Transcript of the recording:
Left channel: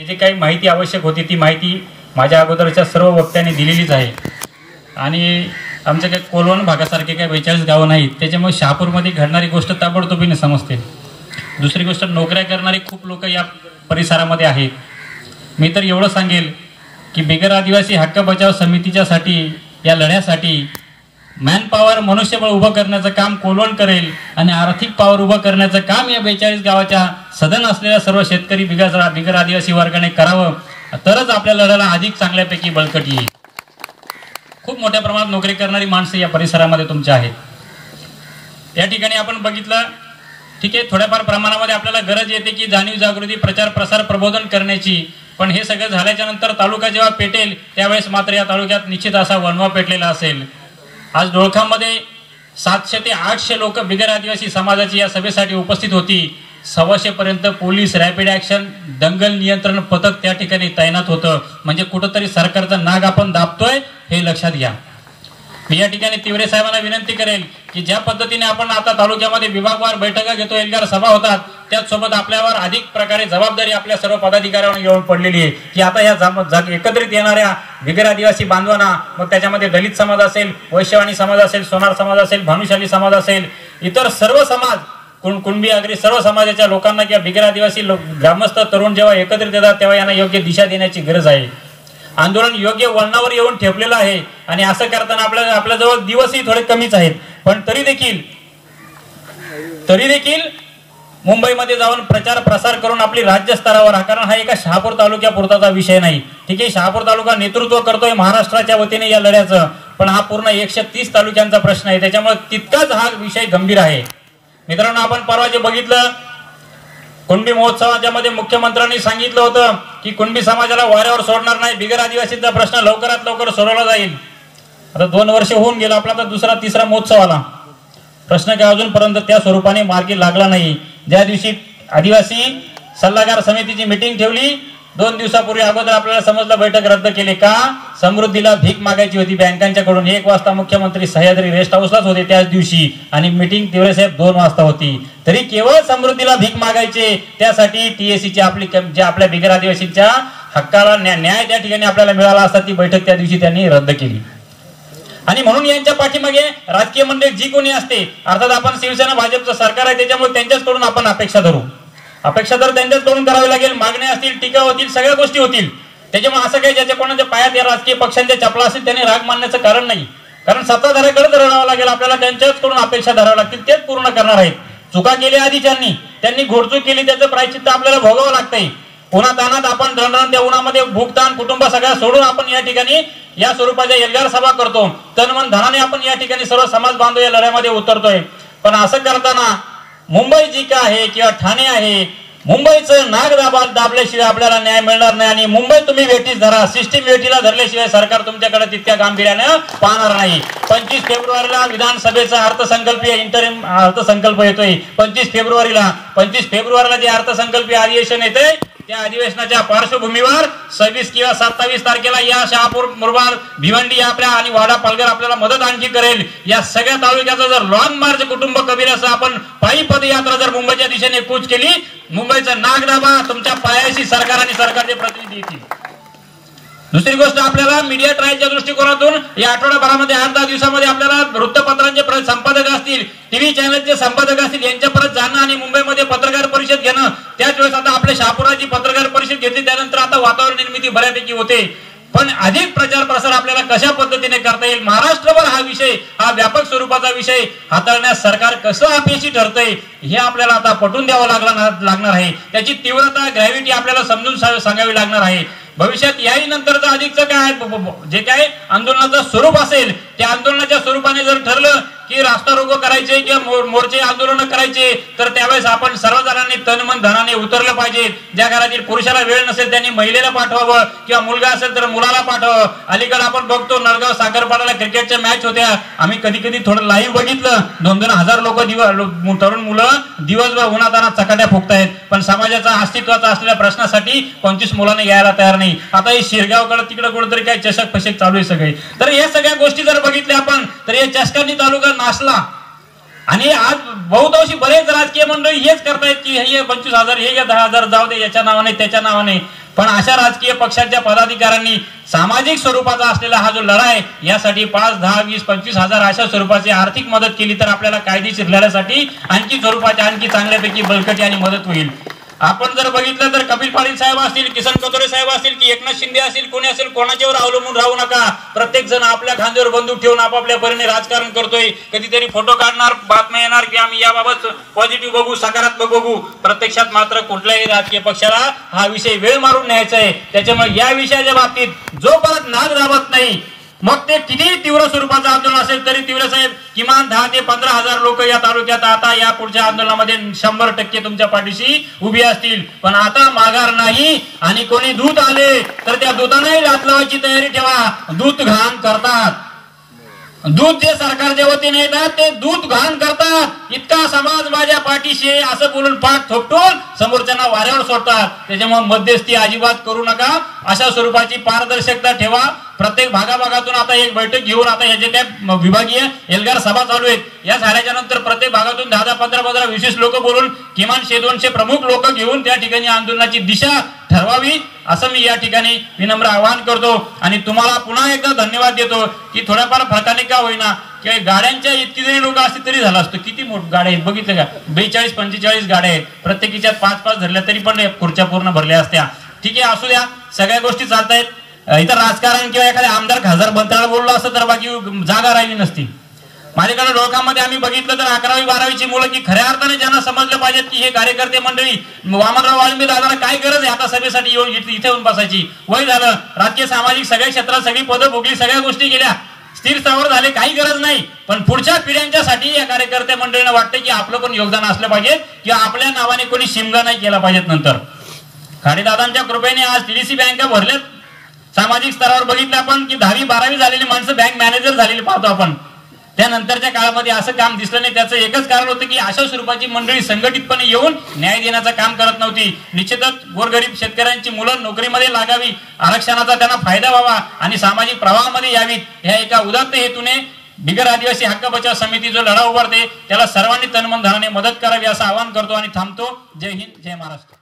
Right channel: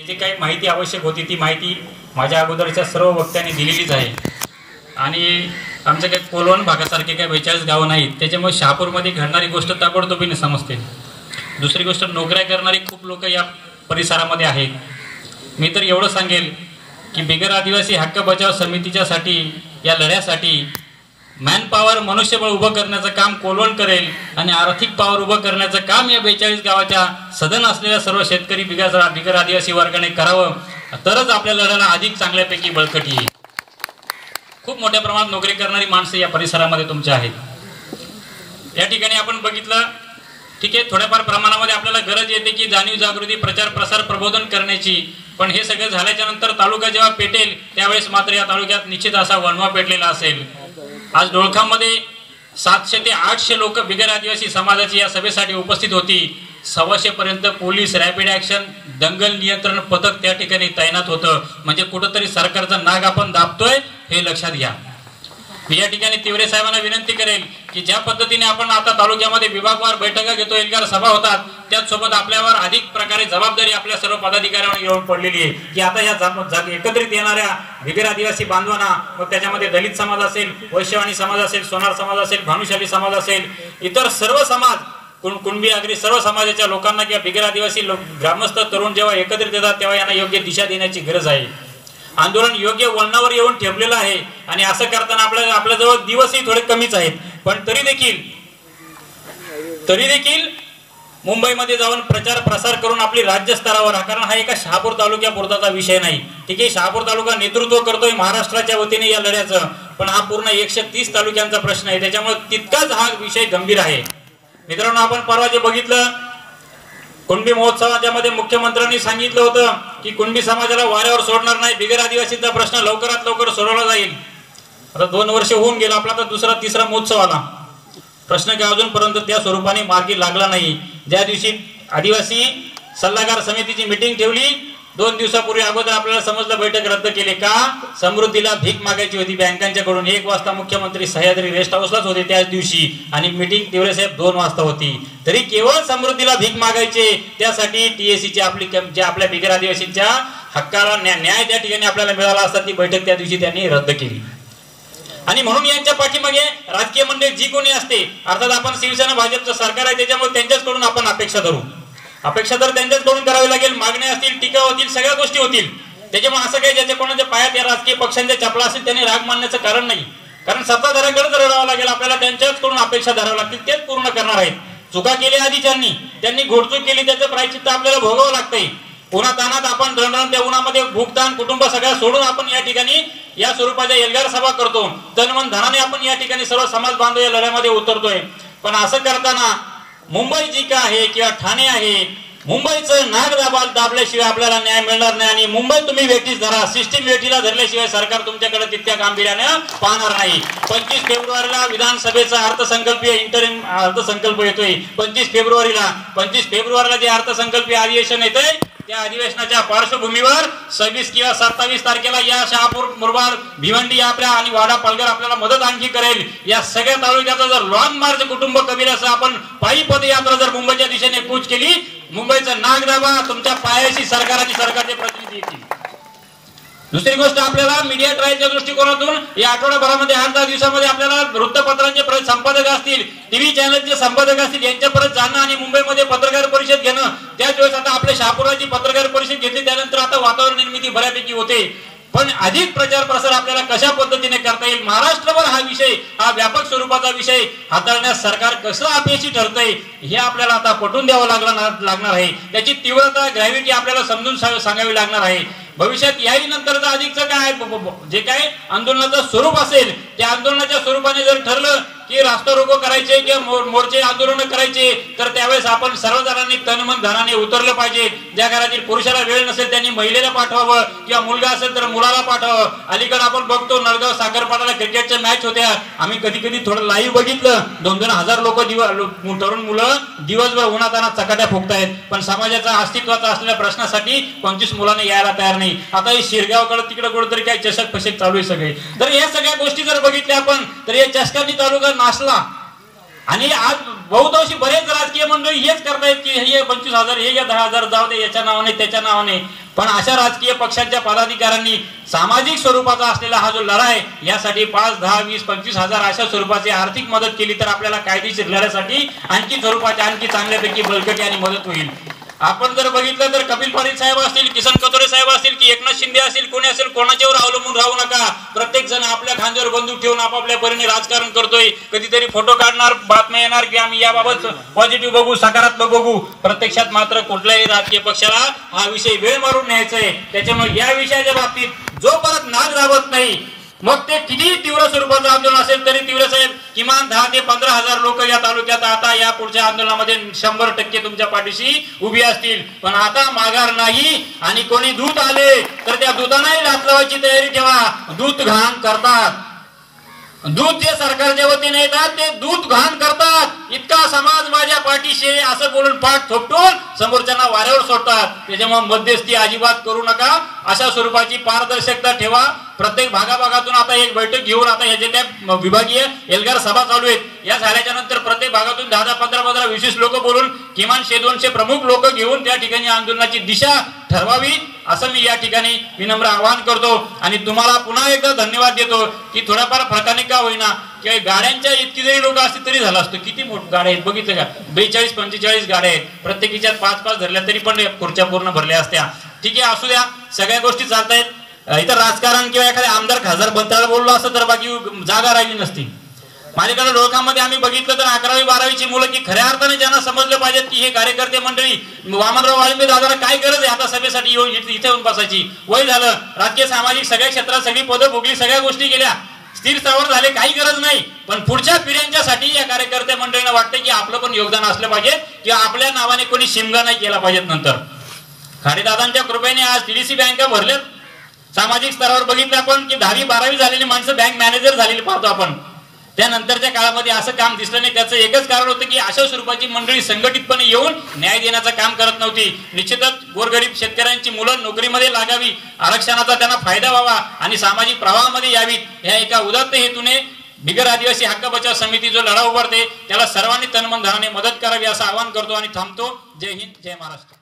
जे काही माहिती आवश्यक होती ती माहिती माझ्या अगोदरच्या सर्व वक्त्यांनी दिलेलीच आहे आणि आमचे काही कोलवण भागासारखे काही 42 गावं नाहीत, त्याच्यामुळे शहापूरमध्ये घडणारी गोष्ट ताबडतोबीने समजते. दुसरी गोष्ट, नोकऱ्या करणारे खूप लोक या परिसरामध्ये आहेत. मी तर एवढं सांगेल की बिगर आदिवासी हक्क बचाव समितीच्यासाठी या लढ्यासाठी मॅन पॉवर मनुष्यबळ उभं करण्याचं काम कोलवण करेल आणि आर्थिक पॉवर उभं करण्याचं काम या 42 गावाच्या सदन असलेल्या सर्व शेतकरी बिगर आदिवासी वर्गाने करावं, तरच आपल्या लढ्याला अधिक चांगल्यापैकी बळकटी येईल. खूप मोठ्या प्रमाणात नोकरी करणारी माणसं या परिसरामध्ये तुमच्या आहेत. या ठिकाणी आपण बघितलं, ठीक आहे, थोड्याफार प्रमाणामध्ये आपल्याला गरज येते की जाणीव जागृती प्रचार प्रसार प्रबोधन करण्याची, पण हे सगळं झाल्याच्या नंतर तालुका जेव्हा पेटेल त्यावेळेस मात्र या तालुक्यात निश्चित असा वणवा पेटलेला असेल. आज डोळखामध्ये 700 ते 800 लोक बिगर आदिवासी समाजाची या सभेसाठी उपस्थित होती. 125 पर्यंत पोलीस रॅपिड ऍक्शन दंगल नियंत्रण पथक त्या ठिकाणी तैनात होतं. म्हणजे कुठंतरी सरकारचा नाग आपण दाबतोय हे लक्षात घ्या. मी या ठिकाणी तिवरे साहेबांना विनंती करेल की ज्या पद्धतीने आपण आता तालुक्यामध्ये विभागवार बैठका घेतो, एल्गार सभा होतात, त्याचसोबत आपल्यावर अधिक प्रकारे जबाबदारी आपल्या सर्व पदाधिकाऱ्यांवर येऊन पडलेली आहे की आता या एकत्रित येणाऱ्या बिगर आदिवासी बांधवांना, मग त्याच्यामध्ये दलित समाज असेल, वैश्यवाणी समाज असेल, सोनार समाज असेल, भानुशाली समाज असेल, इतर सर्व समाज, कुणबी आगरी सर्व समाजाच्या लोकांना किंवा बिगर आदिवासी ग्रामस्थ तरुण जेव्हा एकत्रित येतात तेव्हा यांना योग्य दिशा देण्याची गरज आहे. आंदोलन योग्य वळणावर येऊन ठेपलेलं आहे आणि असं करताना आपल्याजवळ दिवसही थोडे कमीच आहेत, पण तरी देखील मुंबईमध्ये जाऊन प्रचार प्रसार करून आपली राज्य स्तरावर, कारण हा एका शहापूर तालुक्यापुरताचा विषय नाही. ठीक आहे, शहापूर तालुका नेतृत्व करतोय महाराष्ट्राच्या वतीने या लढ्याचं, पण हा पूर्ण 130 तालुक्यांचा प्रश्न आहे, त्याच्यामुळे तितकाच हा विषय गंभीर आहे. मित्रांनो, आपण परवा जे बघितलं कुणबी महोत्सवाच्या मध्ये मुख्यमंत्र्यांनी सांगितलं होतं की कुणबी समाजाला वाऱ्यावर सोडणार नाही, बिगर आदिवासीचा प्रश्न लवकरात लवकर सोडवला जाईल. आता 2 वर्ष होऊन गेला, आपला तर दुसरा तिसरा महोत्सव आला, प्रश्न काय अजूनपर्यंत त्या स्वरूपाने मार्गी लागला नाही. ज्या दिवशी आदिवासी सल्लागार समितीची मीटिंग ठेवली 2 दिवसापूर्वी अगोदर आपल्याला समजलं बैठक रद्द केली का? समृद्धीला भीक मागायची होती बँकांच्याकडून. 1 वाजता मुख्यमंत्री सह्याद्री रेस्ट हाऊसलाच होते त्याच दिवशी आणि मीटिंग तिवरेसाहेब 2 वाजता होती. तरी केवळ समृद्धीला भीक मागायचे, त्यासाठी टीएसीची आपली जे आपल्या बिगर आदिवासीच्या हक्काला न्याय त्या ठिकाणी आपल्याला मिळाला असता ती बैठक त्या दिवशी त्यांनी रद्द केली. आणि म्हणून यांच्या पाठीमागे राजकीय मंडळी जी कोणी असते, अर्थात आपण शिवसेना भाजपचं सरकार आहे त्याच्यामुळे त्यांच्याचकडून आपण अपेक्षा धरू, अपेक्षा तर त्यांच्याचकडून करावी लागेल. मागण्या असतील, टीका होतील, सगळ्या गोष्टी होतील. त्याच्यामुळे असं काही ज्याच्या कोणाच्या पायात या राजकीय पक्षांच्या चपला असेल त्यांनी राग मानण्याचं कारण नाही, कारण सत्ताधाऱ्याकडेच रडावं लागेल आपल्याला, त्यांच्याचकडून अपेक्षा धराव्या लागतील, तेच पूर्ण करणार आहेत. चुका केल्या आधीच्यांनी, त्यांनी घोडचूक केली, त्याचं प्रायश्चित्त आपल्याला भोगावं लागतंय. उन्हातानात आपण रणरण त्या उन्हामध्ये भूकतान कुटुंब सगळ्या सोडून आपण या ठिकाणी या स्वरूपाच्या एल्गार सभा करतो, तनमन धनाने आपण या ठिकाणी सर्व समाज बांधव या लढ्यामध्ये उतरतोय. पण असं करताना मुंबई जी काय आहे किंवा ठाणे आहे, मुंबईचं नाग दाबल्याशिवाय आपल्याला न्याय मिळणार नाही. आणि मुंबईत तुम्ही वेठीस धरा, सिस्टीम वेठीला धरल्याशिवाय सरकार तुमच्याकडे तितक्या गांभीर्यानं पाहणार नाही. 25 फेब्रुवारीला विधानसभेचा अर्थसंकल्पीय इंटरिम अर्थसंकल्प येतोय. 25 फेब्रुवारीला जे अर्थसंकल्पीय अधिवेशन येतंय त्या अधिवेशनाच्या पार्श्वभूमीवर 26 किंवा 27 तारखेला या शहापूर, मुरबाड, भिवंडी आपल्या आणि वाडा पालघर आपल्याला मदत आणखी करेल. या सगळ्या तालुक्याचा जर लॉंग मार्च कुटुंब कबीराचं आपण पायी पदयात्रा जर मुंबईच्या दिशेने कूच केली, मुंबईचं नाग दाबा, तुमच्या पायाशी सरकार आणि सरकारचे प्रतिनिधी येतील. दुसरी गोष्ट, आपल्याला मीडिया ट्रायलच्या दृष्टिकोनातून या आठवडाभरामध्ये 8-10 दिवसामध्ये आपल्याला वृत्तपत्रांचे संपादक असतील, टीव्ही चॅनलचे संपादक असतील, यांच्या परत जाणं आणि मुंबईमध्ये पत्रकार परिषद घेणं. त्याच वेळेस आता आपल्या शहापुराची पत्रकार परिषद घेतली, त्यानंतर आता वातावरण निर्मिती बऱ्यापैकी होते. पण अधिक प्रचार प्रसार आपल्याला कशा पद्धतीने करता येईल, महाराष्ट्रभर हा विषय, हा व्यापक स्वरूपाचा विषय हाताळण्यास सरकार कसं अपयशी ठरतंय हे आपल्याला आता पटवून द्यावं लागणार आहे. त्याची तीव्रता, ग्रॅव्हिटी आपल्याला समजून सांगावी लागणार आहे. भविष्यात याही नंतरचं अधिकचं काय जे काय आंदोलनाचं स्वरूप असेल, त्या आंदोलनाच्या स्वरूपाने जर ठरलं की रास्ता रोको करायचे किंवा मोर्चे आंदोलन करायचे, तर त्यावेळेस आपण सर्वजणांनी तनमन धनाने उतरलं पाहिजे. ज्या घरातील पुरुषाला वेळ नसेल त्यांनी महिलेला पाठवावं किंवा मुलगा असेल तर मुलाला पाठवावं. अलीकडे आपण बघतो नळगाव साखरपाड्याला क्रिकेटच्या मॅच होत्या, आम्ही कधी थोडं लाईव्ह बघितलं, 2-2 हजार लोक तरुण मुलं दिवसभर उन्हातानात चकाट्या फुकतायत, पण समाजाचा अस्तित्वाचा असलेल्या प्रश्नासाठी 25 मुलांना यायला तयार नाही. आता हे शिरगावकडे तिकडे कुठेतरी काही चषक फषक चालू आहे सगळे. तर या सगळ्या गोष्टी जर बघितल्या आपण, तर या चषकांनी तालुका नाचला. आणि आज बहुतांशी बरेच राजकीय मंडळी हेच करतायत की हे 25,000 हे घ्या 10,000 जाऊ दे याच्या नावाने त्याच्या नावाने. पण अशा राजकीय पक्षांच्या पदाधिकाऱ्यांनी सामाजिक स्वरूपाचा असलेला हा जो लढा आहे यासाठी 5, 10, 20, 25,000 अशा स्वरूपाची आर्थिक मदत केली तर आपल्याला कायदेशीर लढ्यासाठी आणखी स्वरूपाची आणखी चांगल्यापैकी बळकटी आणि मदत होईल. आपण जर बघितलं तर कपिल पाटील साहेब असतील, किसन कथोरे साहेब असतील की एकनाथ शिंदे असतील, कोणी असेल, कोणाच्यावर अवलंबून राहू नका. प्रत्येक जण आपल्या खांद्यावर बंदूक ठेवून आपापल्या परीने राजकारण करतोय. कधीतरी फोटो काढणार, बातम्या येणार की आम्ही याबाबत पॉझिटिव्ह बघू, सकारात्मक बघू. प्रत्यक्षात मात्र कुठल्याही राजकीय पक्षाला हा विषय वेळ मारून न्यायचा आहे. त्याच्यामुळे या विषयाच्या बाबतीत जोपर्यंत नाद गावत नाही, मग ते किती तीव्र स्वरूपाचं आंदोलन असेल तरी तीव्र साहेब किमान 10 ते 15,000 लोक या तालुक्यात आता या पुढच्या आंदोलनामध्ये 100% तुमच्या पाठीशी उभी असतील. पण आता माघार नाही. आणि कोणी दूत आले तर त्या दूतांनाही लाच लावायची तयारी ठेवा. दूत घाण करतात. दूत जे सरकारच्या वतीने येतात ते दूत घाण करतात. इतका समाज माझ्या पाठीशी असं बोलून पाठ थोपटून समोरच्यांना वाऱ्यावर सोडतात. त्याच्यामुळे मध्यस्थी अजिबात करू नका. अशा स्वरूपाची पारदर्शकता ठेवा. प्रत्येक भागाभागातून आता एक बैठक घेऊन आता हे जे काय विभागीय एल्गार सभा चालू आहेत या झाल्याच्या नंतर प्रत्येक भागातून 10, 15, 20 लोक बोलून किमान 100-200 प्रमुख लोक घेऊन त्या ठिकाणी आंदोलनाची दिशा ठरवावी असं मी या ठिकाणी विनम्र आवाहन करतो. आणि तुम्हाला पुन्हा एकदा धन्यवाद देतो की थोड्याफार फरकाने का होईना किंवा गाड्यांच्या इतकी जरी लोक असतील तरी झालं असतं. किती मोठी गाड्या आहेत बघितलं का, 42-45 गाड्या आहेत. प्रत्येकीच्यात 5-5 धरल्या तरी पण खुर्च्या पूर्ण भरल्या असत्या. ठीक आहे, असू द्या, सगळ्या गोष्टी चालतायत. इथं राजकारण किंवा एखाद्या आमदार खासदार बनताना बोललो असतं तर बाकी जागा राहिली नसती. माझ्याकडे डोळकामध्ये आम्ही बघितलं तर 11वी 12वीची मुलं की खऱ्या अर्थाने ज्यांना समजलं पाहिजेत की हे कार्यकर्ते मंडळी वामनराव वाळुंगे दादाला काय गरज आहे आता सभेसाठी येऊन इथे येऊन बसायची. वय झालं, राजकीय सामाजिक सगळ्या क्षेत्रात सगळी पदं भोगली, सगळ्या गोष्टी गेल्या, स्थिर स्थावर झाले, काही गरज नाही. पण पुढच्या पिढ्यांच्यासाठी या कार्यकर्ते मंडळींना वाटतं की आपलं पण योगदान असलं पाहिजे किंवा आपल्या नावाने कोणी शिमगा नाही केला पाहिजेत. नंतर खाडेदादांच्या कृपेने आज टीडीसी बँका भरले. सामाजिक स्तरावर बघितलं आपण की 10वी 12वी झालेली माणसं बँक मॅनेजर झालेली पाहतो आपण. त्यानंतरच्या काळामध्ये असं काम दिसलं नाही. त्याचं एकच कारण होतं की अशा स्वरूपाची मंडळी संघटितपणे येऊन न्याय देण्याचं काम करत नव्हती. निश्चितच गोरगरीब शेतकऱ्यांची मुलं नोकरीमध्ये लागावी, आरक्षणाचा त्यांना फायदा व्हावा आणि सामाजिक प्रवाहामध्ये यावीत, ह्या एका उदात्त हेतूने बिगर आदिवासी हक्क बचाव समिती जो लढा उभारते त्याला सर्वांनी तनमन धनाने मदत करावी असं आवाहन करतो आणि थांबतो. जय हिंद, जय महाराष्ट्र.